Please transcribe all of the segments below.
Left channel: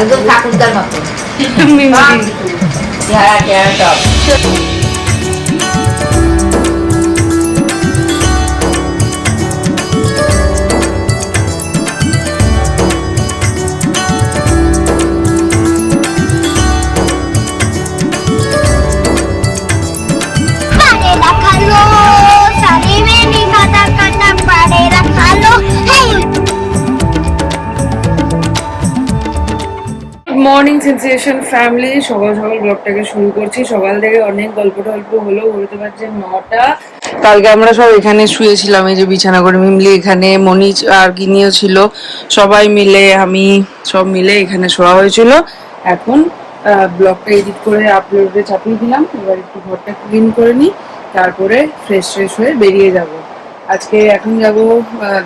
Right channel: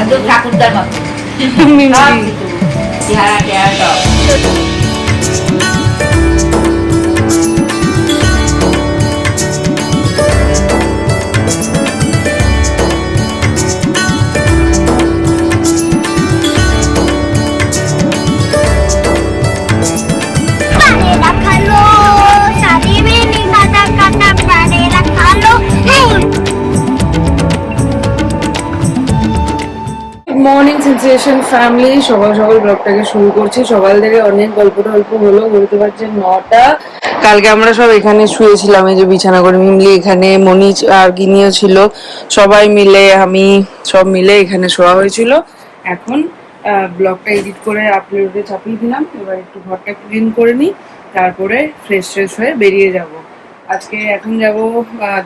একদম ঠাকুরদার মতো মিমলি চেহারা চেহারা সব। মর্নিং সেন্সেশন ফ্যামিলি, সকাল সকাল ব্লগটাকে শুরু করছি। সকাল থেকে অনেক গল্প টল্প হলো, বলতে পারছেন 9টা। কালকে আমরা সব এখানে শুয়েছিলাম, এই যে বিছানা করে। মিমলি এখানে, মনিজ আর গিনিও ছিল, সবাই মিলে আমি সব মিলে এখানে শোয়া হয়েছিল। এখন ব্লগটা এডিট করে আপলোডে চাপিয়ে দিলাম। এবার একটু ঘরটা ক্লিন করে নিই, তারপরে ফ্রেশ ফ্রেশ হয়ে বেরিয়ে যাব। আজকে এখন যাব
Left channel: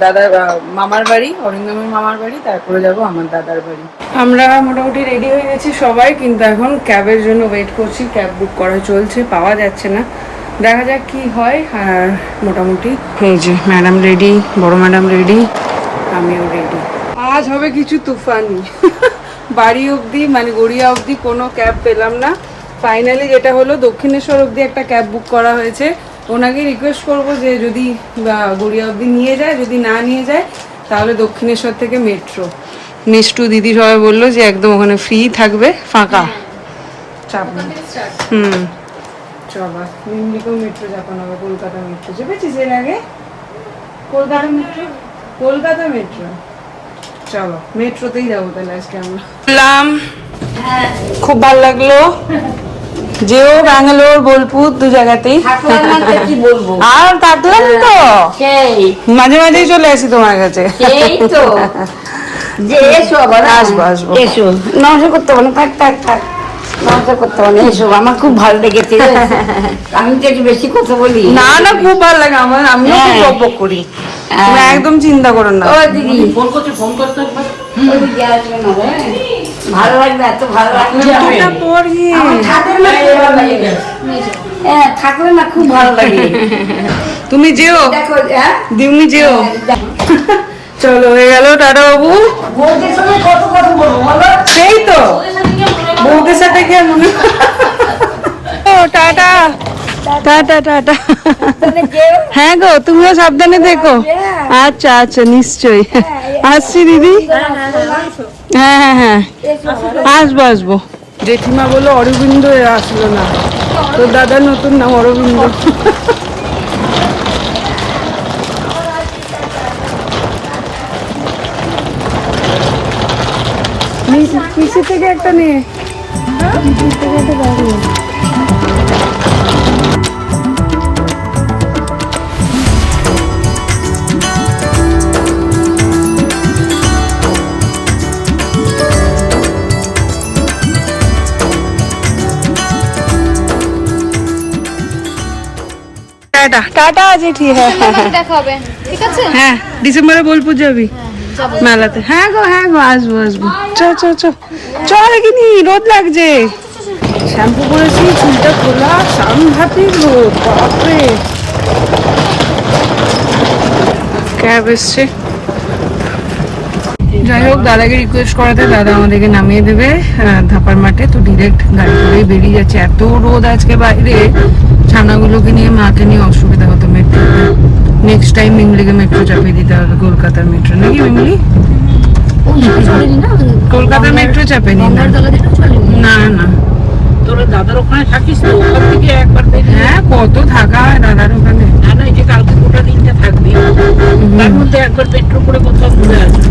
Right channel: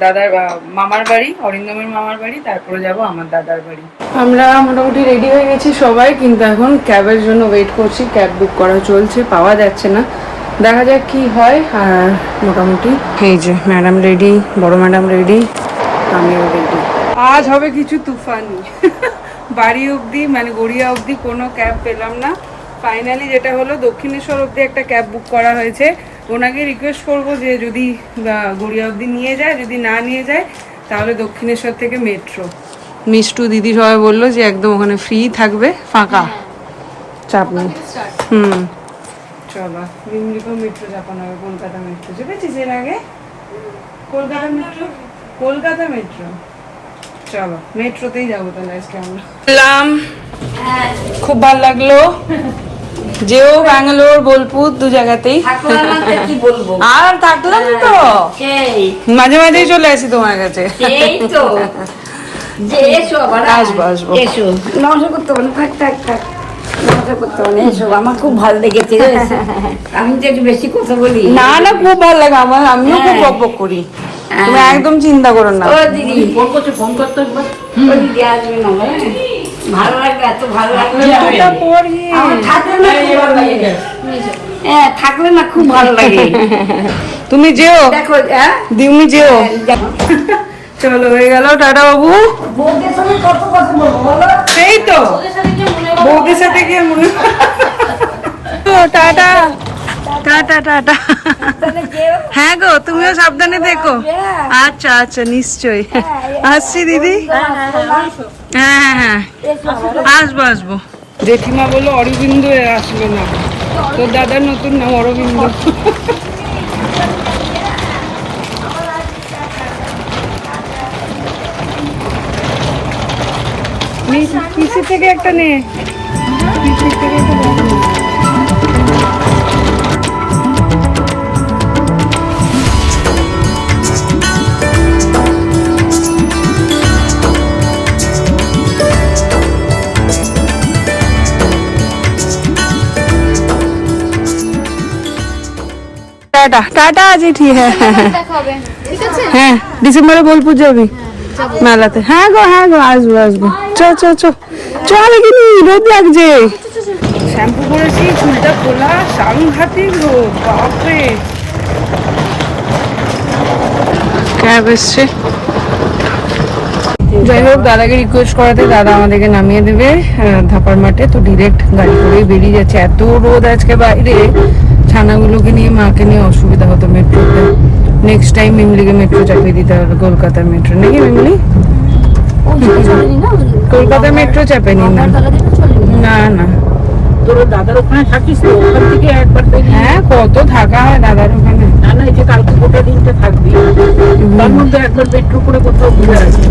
দাদার মামার বাড়ি, অরিন্দমের মামার বাড়ি, তারপরে যাব আমার দাদার বাড়ি। আমরা মোটামুটি রেডি হয়ে গেছি সবাই, কিন্তু এখন ক্যাবের জন্য ওয়েট করছি। ক্যাব বুক করা চলছে, পাওয়া যাচ্ছে না, দেখা যাক কি হয়। আর মোটামুটি এই যে ম্যাডাম রেডি, বড় ম্যাডাম রেডি, আমিও রেডি। আজ হবে কিছু তুফানি। বাড়ি অবধি মানে গড়িয়া অবধি কোনো ক্যাব পেলাম না। ফাইনালি যেটা হলো, দক্ষিণেশ্বর অবধি একটা ক্যাব বুক করা হয়েছে। ওনাকে রিকোয়েস্ট করবো যে যদি গড়িয়া অবধি নিয়ে যায়, যদি না নিয়ে যায় তাহলে দক্ষিণেশ্বর থেকে মেট্রো। মিষ্টু দিদি সবাই বললো যে একদম ওখানে ফ্রি থাকবে, ফাঁকা, চাপ নেই। চলো, মিমলিকেও মেট্রো চাপানো হবে। কলকাতা মেট্রো চেপেছিস এর আগে? Kolkata metro, Kolkata metro. চলো মেট্রোতেই যাবো তাহলে আজকে আমরা। বললাম খুব ভালো লাগলো, যেও ব্যাঙ্গালোর বোলপুর দু জায়গাতেই। আর থাকলাম তো, মাঝে মাঝেই চলে আসি তোমার কাছে। আসবো আসবো। নমস্কার করতে হবে না, থাক থাক থাক, নমস্কার করতে হবে না। এসো, আমার খুব ভালো লেগেছে। আমি তো একটু বেশি কথা বলি। না না, খুব ভালো লাগে আমার, আমিও খুব বকবক করি, তুমি একদম চিন্তা করো না। ও দিদি ফোন করতে হবে, ও দিদি আসবে না, ভালো লাগবে, এত ভালো লাগবে। জুতোটা পরিয়ে হ্যাঁ, থাকলে না খুব ভালো লাগে। তুমি যেও, দেখো তুমি যেও। চলো হয়ে গেল, টাটা বাবু। বউদের সঙ্গে কত কথা বলবো বলো? সেই তো বউদের সাথে কি আর মনে। Tata tata tata. হ্যাঁ গো, তুমিও সাবধানে দেখো। আচ্ছা আচ্ছা, নিশ্চয়ই আসছি দিদি। হ্যাঁ হ্যাঁ হ্যাঁ, আসবো আসবো। জেঠিমা বললো অরবিন্দ আসলো না, তোর দাদার নতুন নাম অরবিন্দ। পিসি থেকে একটা নে, পিসি থেকে একটা ব্যাগ নে। টাটা টাটা জেঠি। হ্যাঁ হ্যাঁ, ডিসেম্বরে বোলপুর যাবি মেলাতে? হ্যাঁ গো হ্যাঁ গো, আসবো আসবো। চ চ চ চল, এখানে রোদ লাগছে। শ্যাম্পু করেছি, চুলটা খোলা, সাংঘাতিক রোদ, বাপরে। ক্যাব এসছে। যাই হোক, দাদাকে রিকোয়েস্ট করাতে দাদা আমাদেরকে নামিয়ে দেবে ধাপার মাঠে, তো ডিরেক্ট গাড়ি করে বেরিয়ে যাচ্ছে। এত রোদ আজকে বাইরে, ছানাগুলোকে নিয়ে মাকে নিয়ে অসুবিধা হতো মেট্রোতে। নেক্সট টাইম মিমলিকে মেট্রো চাপিয়ে দিতে হবে, কলকাতার মেট্রো নাকি মিমলি? কলকাতা মেট্রো চাপেনি না, না না। তোর দাদার ওখানে থাকিস তো, ওখান থেকে একবার দেখি। হ্যাঁ, কত থাকা হয় দাদার ওখানে। না না, এই যে কালকে গোটা দিনতে থাকবি, তার মধ্যে একবার মেট্রো করে কোথাও ঘুরে আসবি।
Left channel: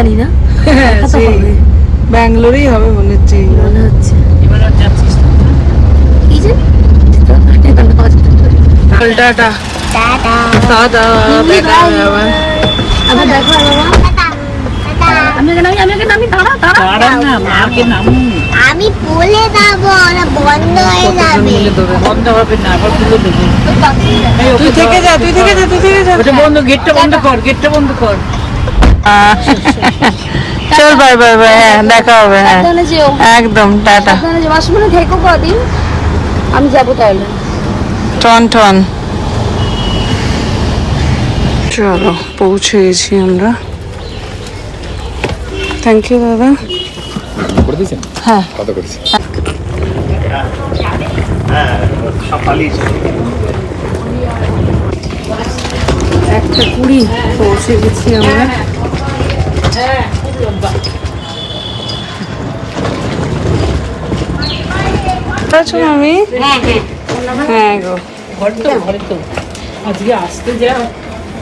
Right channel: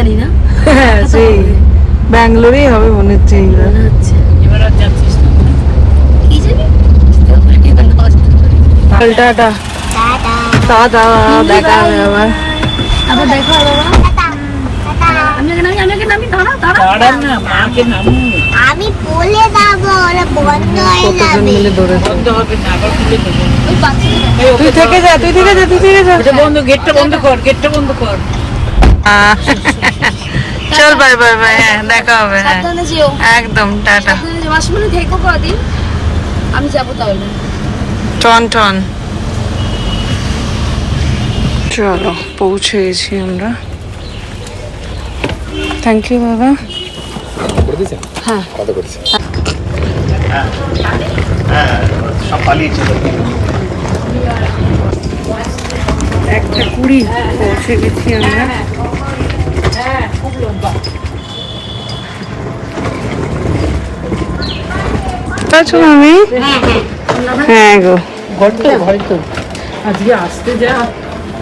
জানি না, ব্যাঙ্গালোরেই হবে মনে হচ্ছে। এবার আর যাচ্ছিস না, কি জানি। Tata tata tata. আবার দেখা। আমি নামি, দাঁড়া না, মাকে নামু। আমি বলে যাবো। ওরা বন্ধ হয়ে যাবে। বন্ধ হবে না, আবার খুলে দেবো। তুই থেকে যা, তুই থেকে যা, তুই থেকে যা। ওটা বন্ধ, গেটটা বন্ধ কর, গেটটা বন্ধ কর। চল বাই বাই বাই, হ্যাঁ দেখা হবে, হ্যাঁ সাবধানে যেও, একদম টাটা। সাবধানে যেও। মাসিমণি থেকো কদিন, আমি যাবো তাহলে। টন টন। চলো পৌঁছে গেছি আমরা। থ্যাংক ইউ দাদা। হ্যাঁ একটা 20 পৌঁছে গেছি আমরা। আছো আমি? হ্যাঁ গো, হয়তো আজকে আসতে যা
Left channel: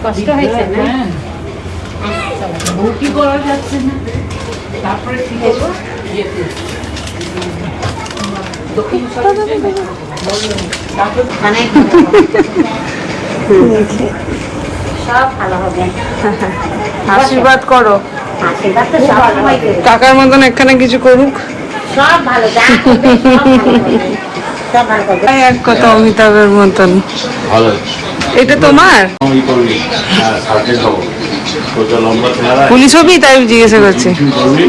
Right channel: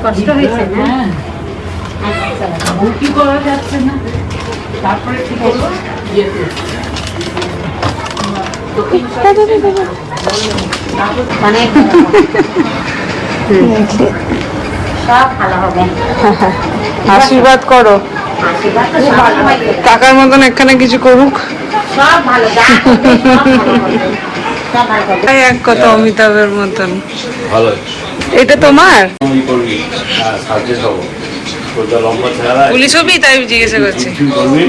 কষ্ট হয়েছে না? কি করা যাচ্ছে না, তারপরে কি করবো যেতে। অনেক সব ভালো হবে। আশীর্বাদ করো, আশীর্বাদ তো সব হবে। কাকার মতন এখানে কিছু করুক। সব ভালো, যা করবে সব ভালো হবে। সব ভালো হবে। এই এক কথা অমিতাভের মতন। ভালো এটা তোমার তুমি করবি, সার্জেন্ট হবো, তোরটা লম্বা চেহারা, পুলিশ হবি, তাই জিজ্ঞাসা করছে। তুই করবি,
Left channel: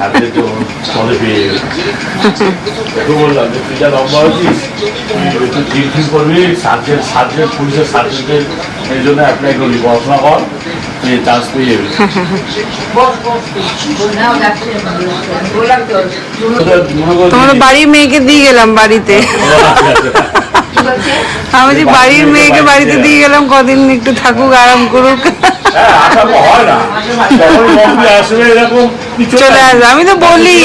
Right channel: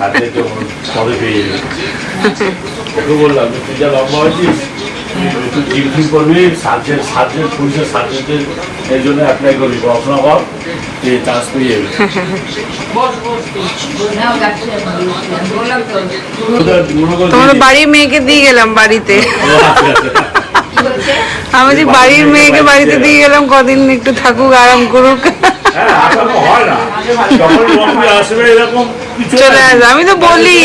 সার্জেন্ট পরে পেয়ে যাবে। তো বললাম যে তুই যা লম্বা হয়েছিস, তুই ডিউটি করবি, সার্জেন্ট সার্জেন্ট পুলিশের সার্জেন্টের এর জন্য অ্যাপ্লাই করবি, পড়াশোনা কর, তুই চান্স পেয়ে যাবি। তোমাদের বাড়ির মেয়েকে দিয়ে গেলাম বাড়িতে। আমি যে বাড়ির মেয়েকে বাড়িতে দিয়ে গেলাম, কদিন একটু থাকুক, আরাম করুক, হ্যাঁ, আশা তো হয় না, যখন বম্বে আসবে এরকম কিছু চলে আসবে। আমি তো বলি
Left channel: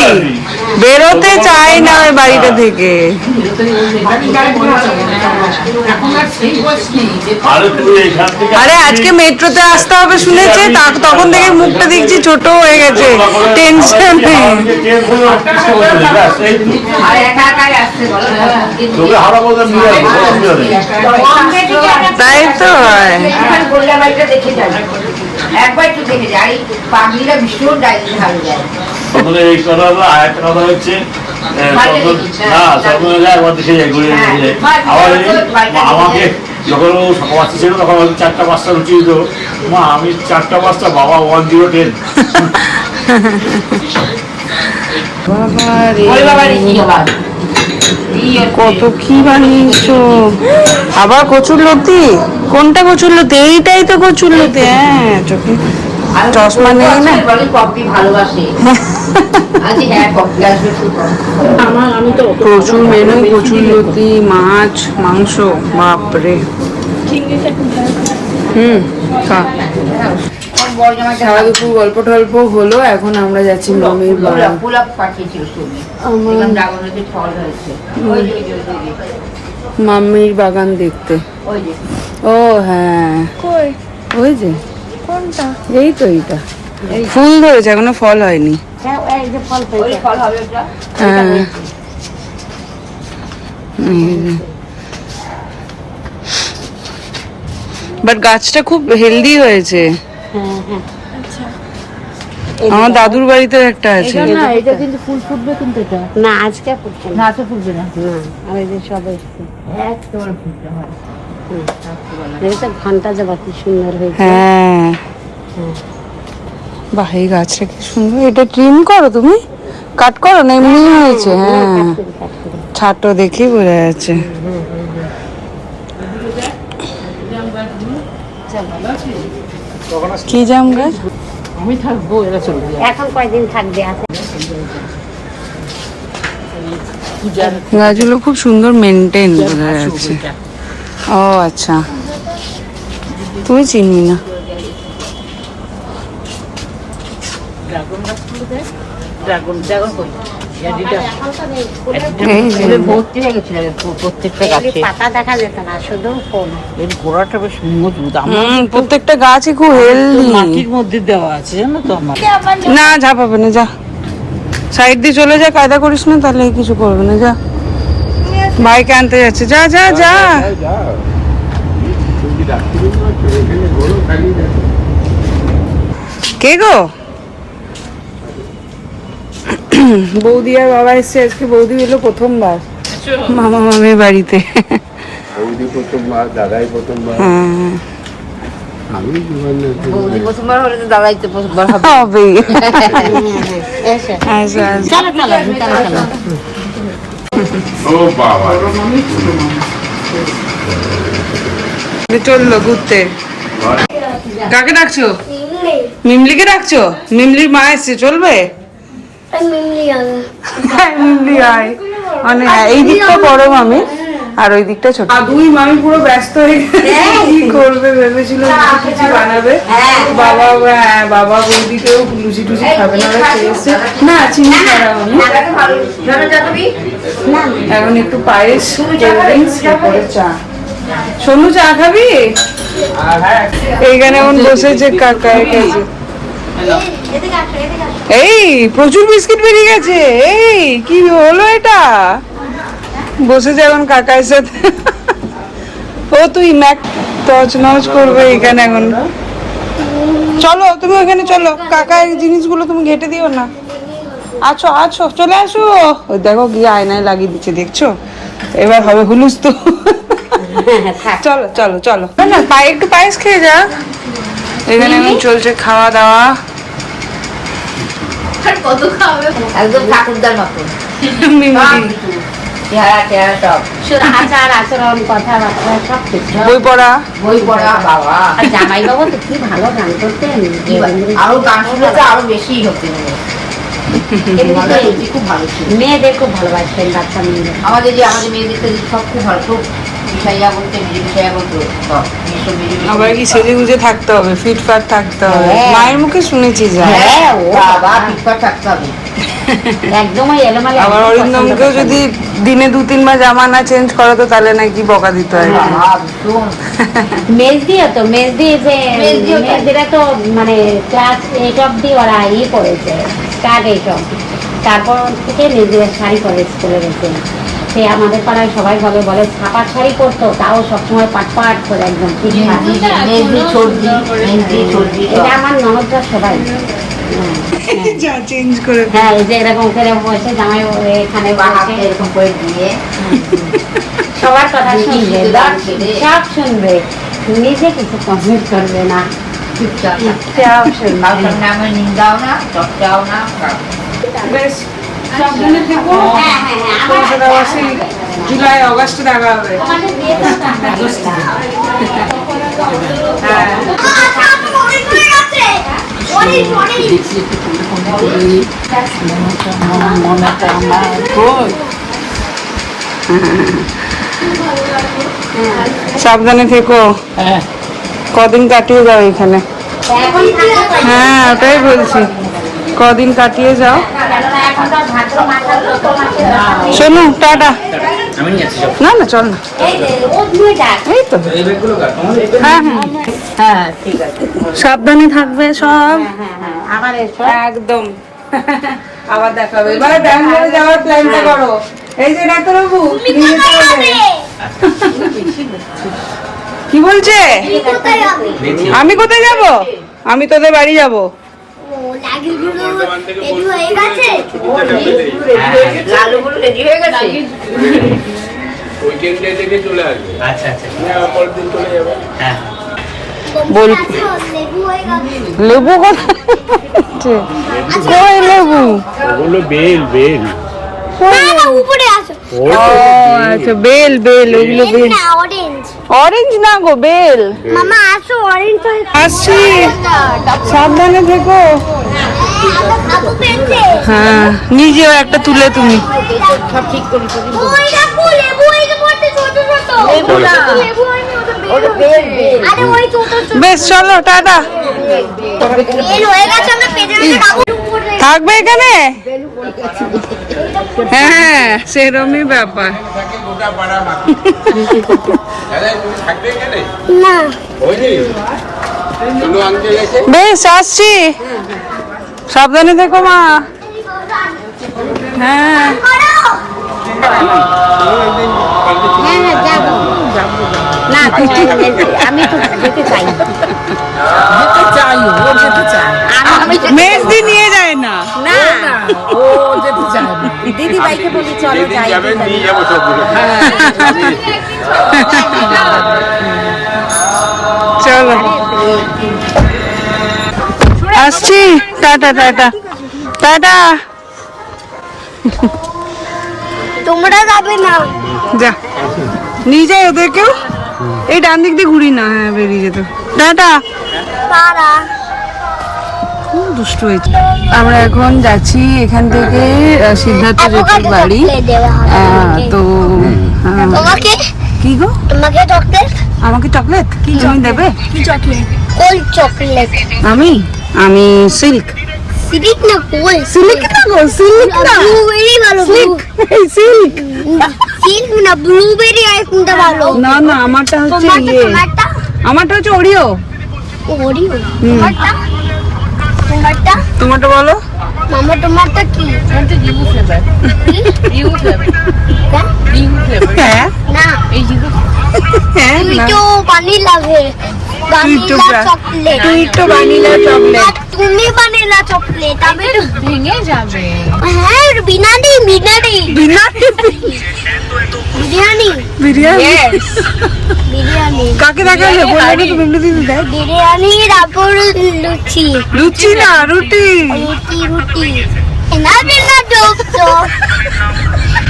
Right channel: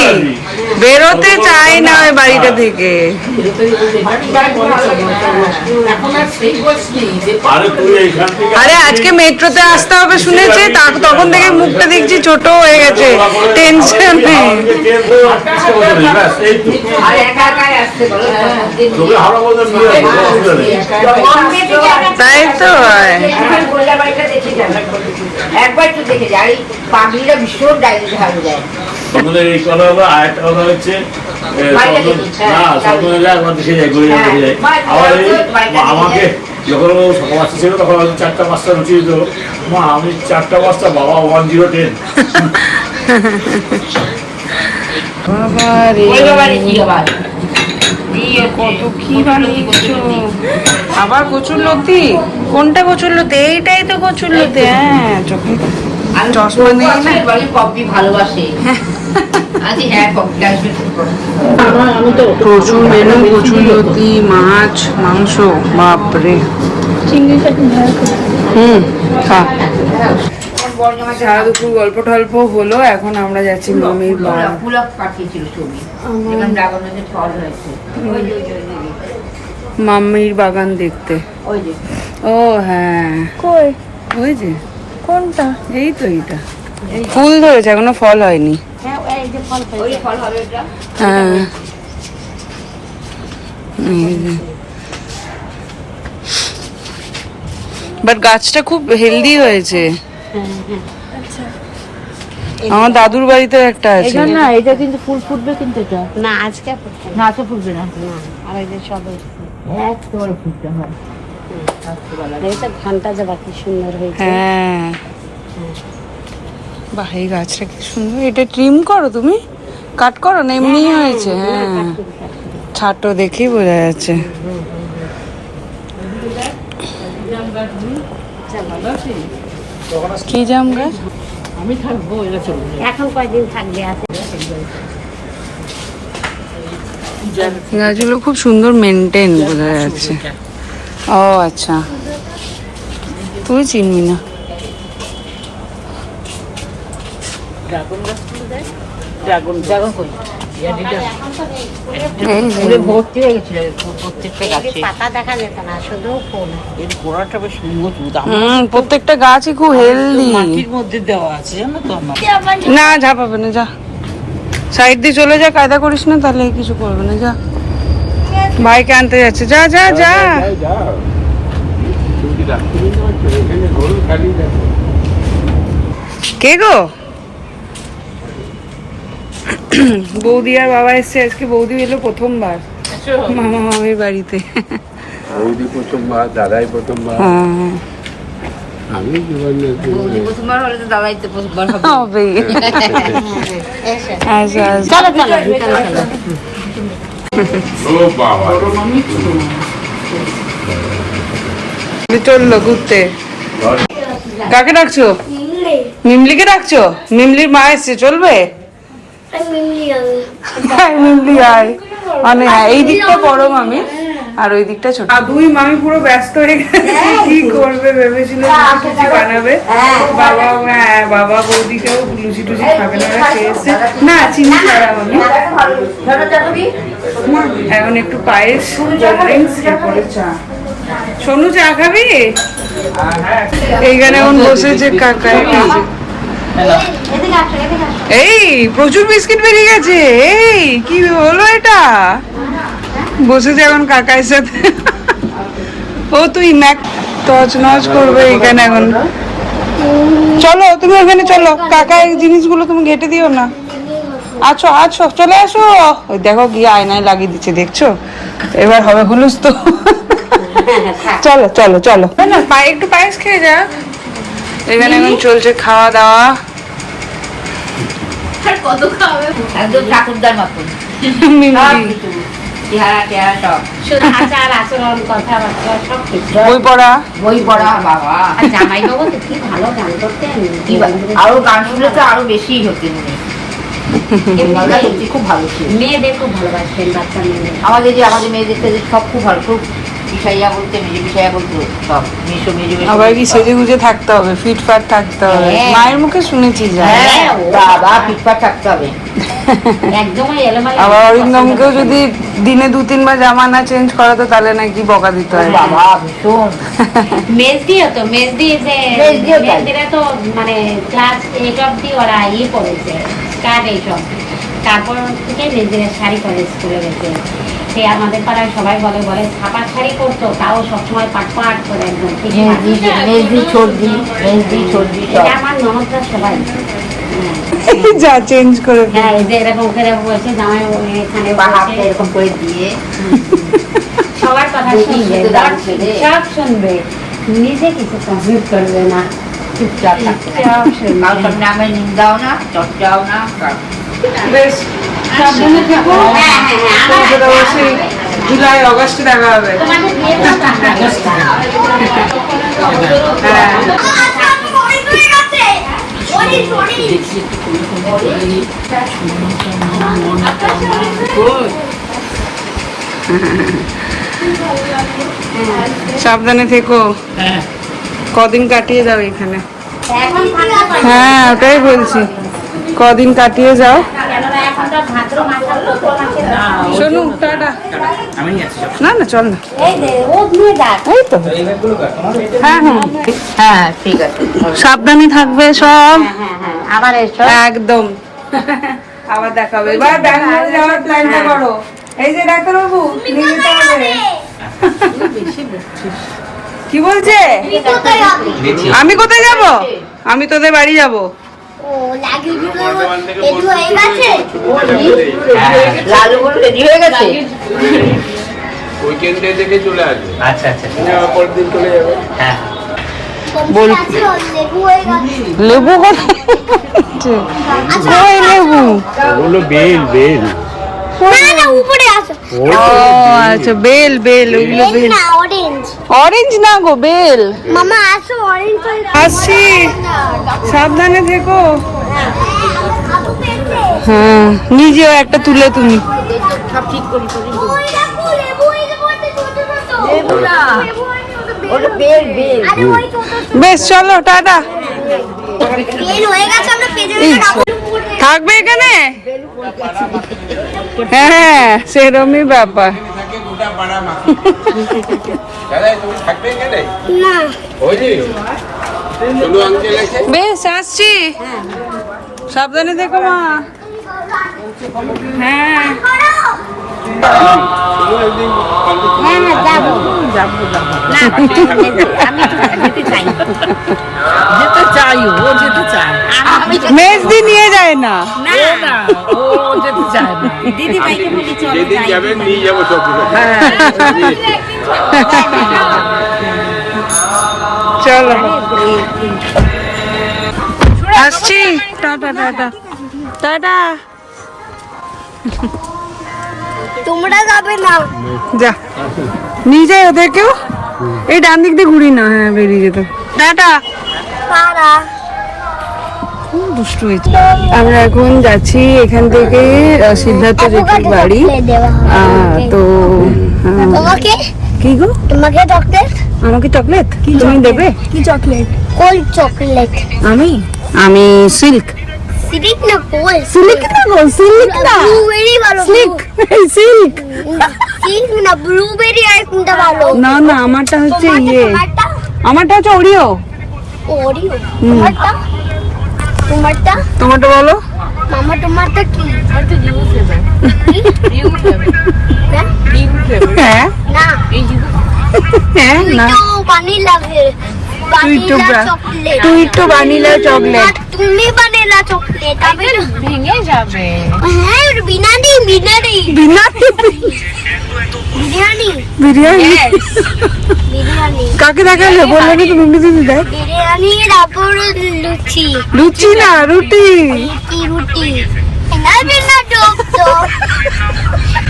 বেরোতে চাই না ওই বাড়িটা থেকে। আরে তুই এখান থেকে আরে আজকে মেট্রোতে আসতে হবে শুনেছে, তখন থেকে মুখটা দেখছি ছোট হয়ে গেছে, টেনশন নেই। আর একা একাই আসতে বলো। তাই তো হয়। এখন গোল্লা বাড়িটা দেখে যাবে, একবার একটু দেখে যায়। এই পাগলিরা ভীষণ ডাইতে ঢাল দেয়। এই কথা হলো, আর একটা কথা হচ্ছে আমাকে যখন ও সকাল বাচ্চা ছিল তখন আমি 4টা 5টা রুচি দিত, মা আমি 4টা 5টা, বাবা 1010। বাবা রে, কত কি বানিয়েছো। আবার কচুর লতি, কোনটা কচুর লতি? এইটাই তো কচুর লতি। হ্যাঁ চোখে চশমা নেই না। বলে কপি ভালোবাসে। আজ হ্যাঁ কপি আসবে। প্রচুর মেনু, কচুর লতি, মাছ, মাংস, বাপরে। খা। সারা দুপুর গল্প টল্প হলো, এখন আমরা যাচ্ছি মামির বাড়ি। গোলাপ পাঠিয়েছিল ছবি, এবং ড্রাগনের ফল হয়েছে। ওই যে, ওই যে, ওই যে, মামির বাগান দেখতে। ওই যে। ও হ্যাঁ, ওই যে এই তো, এইটা ফুল ধরেছে, এখনো ফল হয়নি। এই যে ফল হয়েছে। ওই ফল হবে ওটা। হ্যাঁ বাট গাছটা খুব হেলদি হয়েছে। আমার দাদুর বাড়িতে একটা আছে। না এটা কিন্তু ফুল ফুটবে, কিন্তু এটা না আজকে ফুটছে না। না তো ফুটবে না। আর এই যে সব একেবারে ফুটতে হয়। এটা ঘন্টা যাবা, কি সুন্দর হয়েছে। হ্যাঁ বাহ, এই গাছটা কি সুন্দর। এটা ট্রিম করো তুমি, কাট করো না, এমনি হয়েছে। হ্যাঁ ছাটো দেখেই বোঝা যাচ্ছে। কি জাম গাছ? আমি থাকবো, এরা চলে যাবে। এখন কয়দিন থাকবে? আছে গাছগুলো খুব সুন্দর মেনটেন বোঝা যাচ্ছে। ও আচ্ছা, তুই চিনি না। ড্রাগন ড্রাগন কই? এই যে ভর্তি হয়ে গেছিল প্রত্যেকটা গাছে। পাতা দেখা যেত না, শুধু ফুল। এর গোড়াটা বেশ মজবুত, প্রত্যেকটা গাছই খুব হেলদি। মাটির মধ্যে দেওয়া আছে জানো তো আমার। না ঝাপাবে না, যা সাইড দিয়ে চলে যা, কায়দা করিস না, তাহলে কিছু করবে না। যা, ভাইকে আনতে যাচ্ছে, যা যা যা। কে গো? বৌদি আর বাবা এসছে আজকে। বৌদি এলো প্রথমবার মামা মামির বাড়িতে। আমি প্রথমবার, দাদাই প্রথমবার। হ্যাঁ আমি জীবনে প্রথমবার হলে তো দাঁড়াই তো প্রথমবার হবে। হবেই। আচ্ছা আচ্ছা চলো চলো ভিতরে চলো। ও বাবা, চললো ঘুরতে। কাকে ডাকছো? মিমলিকে ডাকছো? মিমলির মা এসছে, চলবে? মিমলি আয়। মানে হ্যাঁ, এই দিকটা বড় মামি আর ওই দিকটা ছোট। দুই মামি পুরো ব্যস্ত হয়ে গেছে, কি করবে ভেবেছিল লুচি টুচি বানাবে। বাবা, হ্যাঁ বাবা বৌদিকেও লুচি টুচি খাবে না, ওরা খেয়েছে না চিনি ছাড়া। আমি এখন একটু পায়েস, কোল্ড ড্রিঙ্কস, এরপরে চা। সোনু চা খাবি? এইখানে এখন বসেছে কাকার কাছে। এই প্রচুর বিস্কিট বেরিয়ে গেছে। এই কি হলো এটা? বসেছে এখন কাকার সাথে। ও তুই ম্যাক টচ নচ করবে এখানে এখন। চলো তুমি ওখানে চলো, কাকা এই জিনিসগুলো তুমি ঘেটে দিও না। আছো আছো, চলে আসো। ওই দেখো গিয়ে আয়নায় লাগিয়ে দিচ্ছে, দেখছো? এবার হবে হুলুস তো। চলো চলো চলো, না না পায়ে একটু পায়েস খেয়ে যা। এখানে এখন চলছে খাওয়া দাওয়া। একদম ঠাকুরদার মতো মিমলি চেহারা টেহারা সব। শুধু আচার আচরণ কথাবার্তা সব কিছু। বই পড়া। বই পড়া বাবা। আর জামাই বাবু তো কি ভালো গান করতেন। আরো গান শুনলে তো আরো বেশি হতেন উনি। এমনিতে সত্যি খুব ভালো ছিল। মেয়েদের খুব ভালোবাসতেন বাচ্চা মেয়ে। আমাদের মেয়েদের থেকে সব খুব ভালো, খুব বিষাইয়া বলতে নিজে বিষাইয়া বলতো সব আবার কি সেজে গুজে থাকতে হবে, ফিটফাট থাকতে হবে। হ্যাঁ। মায়ের মুখে শুনেছি যা। হ্যাঁ ও বাবা ফিটফাট থাকতে হবে। একদমই এলোমেলো। আবার অরিন্দমকেও যদি দিনে 2-3 বার জামা না চেঞ্জ করাতো তাহলে নাকি বকা দিত হয়। বাবা ভীষণ। মেজদিও তো মেজদি যে মেজদিও তাই। মেজদিরা তো মানে ক্লাস 8 অব্দি ওরা করেছে, স্টার্ট 8 অব্দি। তারপর থেকে মেজদিরা শাড়ি পরে স্কুলে গেছে। সে আমাদের পাড়ায় সবাই বলে ছাপার শাড়ি পরতো, তাও সবসময় পাট পাট করে একদম মেহেদি ছর্দি এটা আমার ননদরা সবাই। যা চেঞ্জ করে ফেলে। হ্যাঁ, এই যে এরকম করে বসে জামাই এখানে বসে এরকম করে দিয়ে সবার কথা শুনবে, সব শুনবে, নিজে কিছু কমপ্লিট করবে না। চুপচাপ চুপচাপ শুনবে। কারোর সামনে আমার নিন্দাও না, চর্চাও না। বেশ সাবধানে থেকো। হ্যাঁ, হ্যাঁ, হ্যাঁ, আমার তারপরে অবশ্যই জুলাই অগাস্টে দেখা হবে। তোমাদের বিয়ে করতে সাবধানে থেকো, কদিন কাটিয়ে যাও এখানে। এখন থাকতে পারি হ্যাঁ ওটাই বলছি, কদিন কাটিয়ে যাও। কেননা এখন তো ভাদ্র মাস আর চৈত্র মাসে শোনো টাটা। আমি নিয়ে আসছি সব। না না চল না, এই যে রোজ নিয়ে ডাক। এই তো। এই ব্যাগগুলো কার? হ্যাঁ হ্যাঁ হ্যাঁ ঠিক আছে। সাবধানে থাকবে সব। হ্যাঁ, আবার এসো। একদম। আবার দেখা হবে। এবার ব্যাঙ্গালোর যাওয়ার প্ল্যানটা করো। এই যে ডাক্তারবাবু নিয়ে যেতে হবে। কি বলছে? আমি কোথায় যাব? আমি তোদের বাড়ি যাব। লালুগুলো রেডি হয়ে গেছে। উইকেন্ডে থেকে চলে আসবে, আচ্ছা আচ্ছা পরের দিন চলে যাবে। হ্যাঁ বল লেবু কোথায়? কই লেবু? ওগুলো বেল বেল। ও আচ্ছা বেল বেল, ওগুলো বেল। অরেঞ্জ না গো, বেল। মামা আসো অরেঞ্জ আসছি, সাবধানে থেকো। হ্যাঁ নিজেও একটা তুলে তুমি। সব ঠিক করি করি। বেশ চলো টাটা। থাকবে এখানে? হ্যাঁ সেরকমই ব্যাপার। না বেশ আসছি, সাবধানে থেকো মা। হ্যাঁ হ্যাঁ, যাবো। যাবো না আমি তো যেতে চাই যেতে চাই ও যেতে চায় আমি মেজদি নিয়ে যায় না। না না ও যেতে চায় না দিদি ভাইকে বলি চলো যাই চলো আসছি, টাটা টাটা টাটা। তোমরা যাবে না যা নিয়ে যাই ওদেরকেও, এই ডান দিক দিয়ে ঘুরি না, হ্যাঁ বেরিয়ে যেত। টাটা। তারা দুষ্টু হয়েছে। আমরা এখন যাচ্ছি এখান থেকে সিদ্ধার্থ জেঠির বাড়ি। তো তোমাকে কি গো, তোমাকে চকলেট আমাকে চকলেট তুমি দেবে? কি চকলেট কোন চকলেট আমি আমি সিল্ক। সিল্ক না কোল সিল্ক না গো, সিল্ক না, ব্লুবেরি ভালো সিল্ক। সিল্ক না ব্লুবেরি আর কোনটা ভালো না না, আমারটা হচ্ছে ইয়ে, তোমারটা আমারটা হচ্ছে ওরিও। ওরিও তোমারটা তোমারটা তোমারটা বলো। মামা তোমারটা কি আমার তো ইউ ফ্লেভার ইউ ফ্লেভার হ্যাঁ? ইউ ফ্লেভার হ্যাঁ না হ্যাঁ তুই না। তো ভ্যানিলা ভ্যানিলা চকলেট তুই তো ভ্যানিলা চকলেট। তুমি ভ্যানিলা চকলেট আমি তো ভেঙে যাবে হ্যাঁ বিরিয়ানি বিরিয়ানি বিরিয়ানি বিরিয়ানি বিরিয়ানি বিরিয়ানি কাকে দেখালে বললে না তুমি ইংরেজিতে দেখ। বিরিয়ানি তারপর লুচি লুচি না, রুটি। রুটি রুটি এনাদের না দোস্তো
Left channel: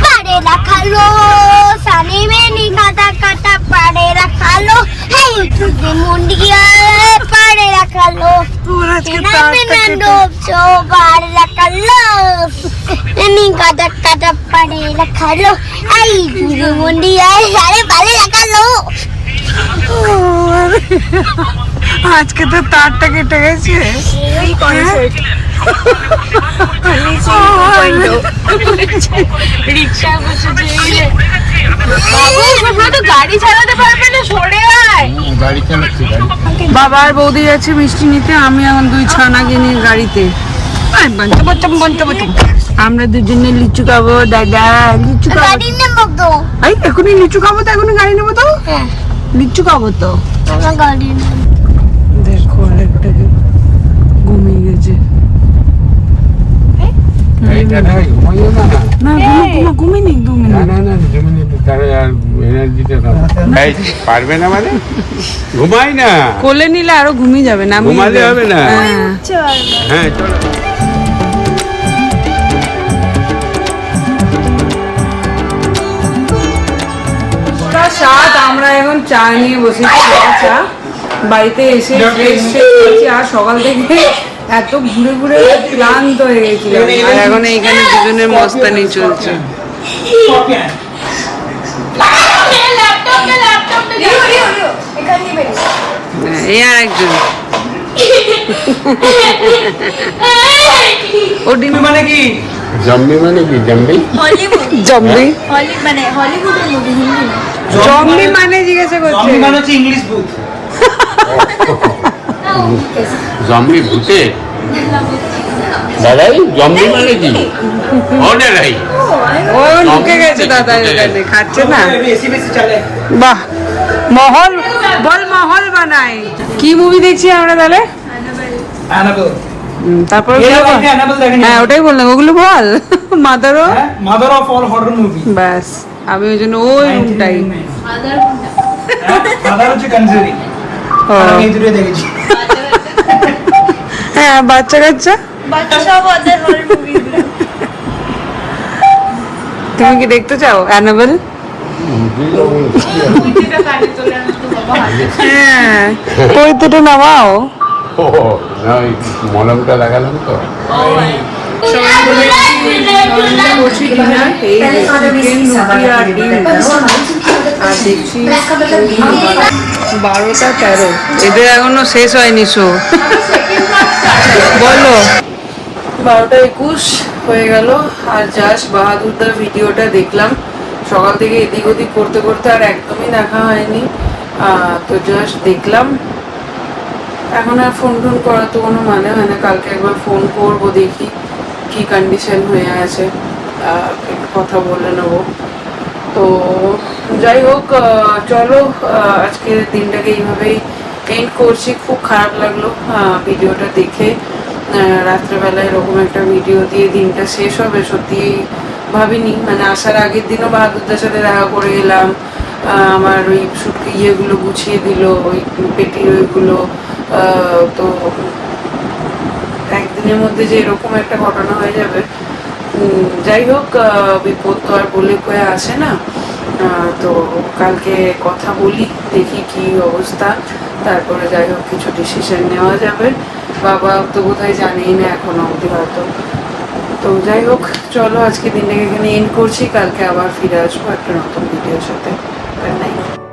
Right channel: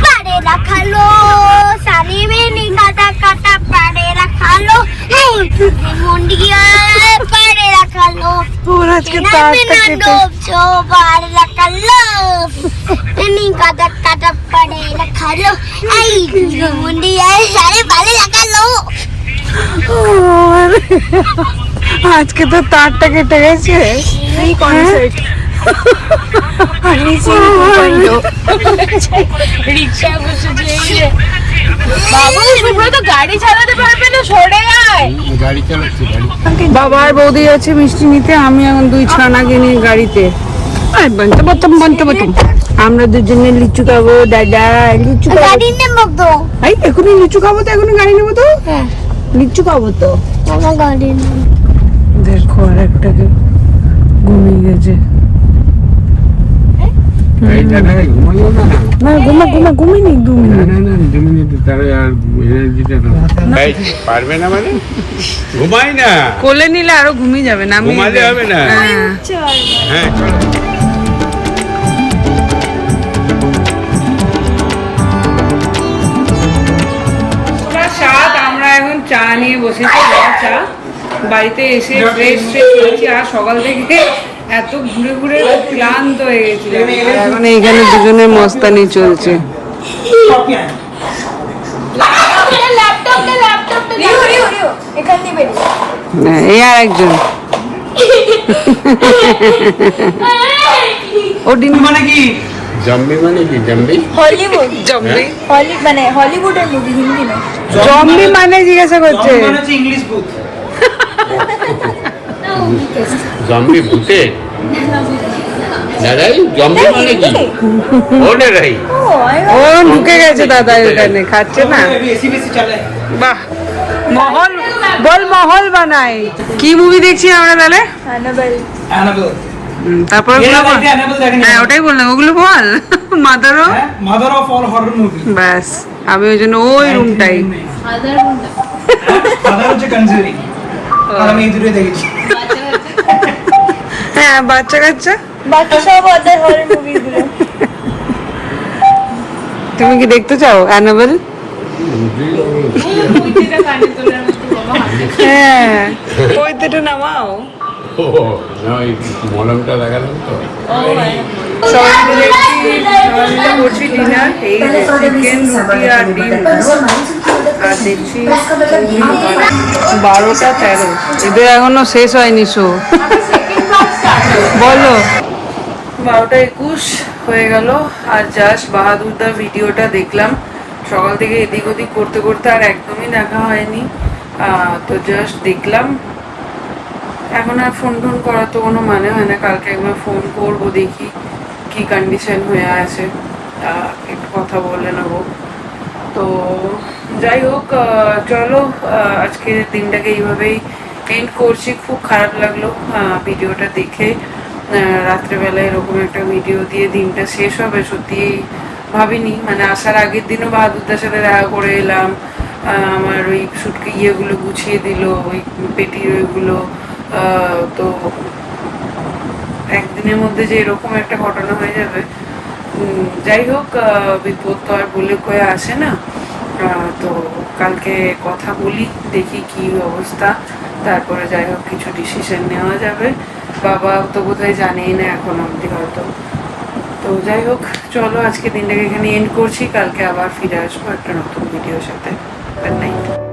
পারে রাখালো সানে মেনি কাটা কাটা পারে রাখালো হেই তুই মুন্ডিয়া পারে রাখালো ওর আজকে এনাদের না তারটা দোস্তো পারে রাখালো এনি কাটা কাটা পারে রাখালো হেই তুই মুন্ডিয়া সারে পারে রাখালো আজকে তো তারটা কেটে গেছে। রিক্সা বসেছে বাবু শুভ্র তো গাড়ি চালাতে পারবে না, সরে আয়। বাবা আর বৌদি যাচ্ছে মিষ্টি নিতে, আমি এখন দুই ছানাকে নিয়ে গাড়িতে। আর বাঞ্চা বাচ্চা বাঞ্চা বাচ্চা, আমরা দুজনে লিচু খাবো। দাদা লিচু খাবো। গাড়ি নেবো তো এই এখনই লিচু খাবো তো, এখনই গাড়ি নেবো তো, লিচু খাবো তো। আমার গাড়ি নেবো দেখো আর একটা ঘুমিয়ে গেছে। না ঘুমিয়ে নি 2 মিনিট। পারবে না মানে ঘুমাই না, কোলে নিলে আরো ঘুমিয়ে যাবে না। আমি ঘুমালে হবে না। হ্যাঁ। হ্যাঁ সাত আমরা এখন চা নিয়ে বসেছি, চা বাড়িতে এসে ফ্রেশ হয়েছি। আর সকাল থেকে এত ঘুরে ঘুরে ক্লান্ত হয়ে গেছিলাম। আর এখন এখানে দুজনের মস্তানি চলছে। এই আর একজন ও ডিম মানে কি জম্বি মানে কি জম্বি হলিউড জম্বি মানে হলিউডের মুভি হিন্দি না জম্বি মানে জিজ্ঞাসা করছে। জম্বি ভূতে দাদাই জম্বি মানে কি ও না রাই ও ঢুকে গেছে দাদা এখানে, খাচ্ছে না। বাহ, মহল বল, মহল বানাই। কি মুভি দেখছি আমরা তাহলে? তারপর হ্যাঁ ওটাই বললাম, ওগুলো বল। মাদারও mother of all horror movie ব্যাস, আমি ওই জন্য ওই রুমটাই। মাদার হচ্ছে কনজুরিং, আমি এই দুটো দেখেছি। হ্যাঁ বাচ্চা কাচ্চা বাকি সব ওদের হরর মুভি তুমি কি দেখতে চাও অ্যানাবেল? হ্যাঁ পৈতেটা নামাও। ও না ওই মলমটা লাগালাম তো। সবাই মিলে করছি ডিনার। এই চিকেন রুটি আর ডিম, আর দেখছি 12:13। এদের এখনো শেষ হয়নি শো। বলো 12:21 হয়ে গেল। আর জাস্ট বাহাদুরদার ভিডিওটা দেখলাম। সকাল থেকে এদিক ওদিক করতে করতে আর একদমই দেখা হয়নি। তো জাস্ট দেখলাম। এখন আর ফোন টোন করার তো কোনো মানে হয় না। কালকে একবার ফোন করবো, দেখি কি কন্ডিশন হয়ে আছে, একটু কথা বলে নেবো। তো যাই হোক চলো আজকে দিনটাকে এইভাবেই এন্ড করছি। খুব খারাপ লাগলো ভিডিওটা দেখে, রাত্রেবেলায় এরকম একটা ভিডিও দিয়ে দিনটা শেষ হবে সত্যি ভাবিনি। মানে আসার আগের দিনও বাহাদুরদার সাথে দেখা করে এলাম, আমার ওই সুটকে ইয়েগুলো গুছিয়ে দিল, ওই পেটি ওইগুলো, তো একদিনের মধ্যে যে এরকম একটা ঘটনা হয়ে যাবে, যাই হোক বিপদ তো আর বলে কয়ে আসে না। তো কালকে কথা বলি, দেখি কি অবস্থা, তারপরে যাই হোক কিছু ডিসিশন নেওয়া যাবে। বাবা তো বোধহয় জানেই না এখনো অবধি হয়তো। তো যাই হোক চলো আজকে দিনটাকে এখানে এন্ড করছি, কালকে আবার ফিরে আসবো একটা নতুন ভিডিওর সাথে। Good night.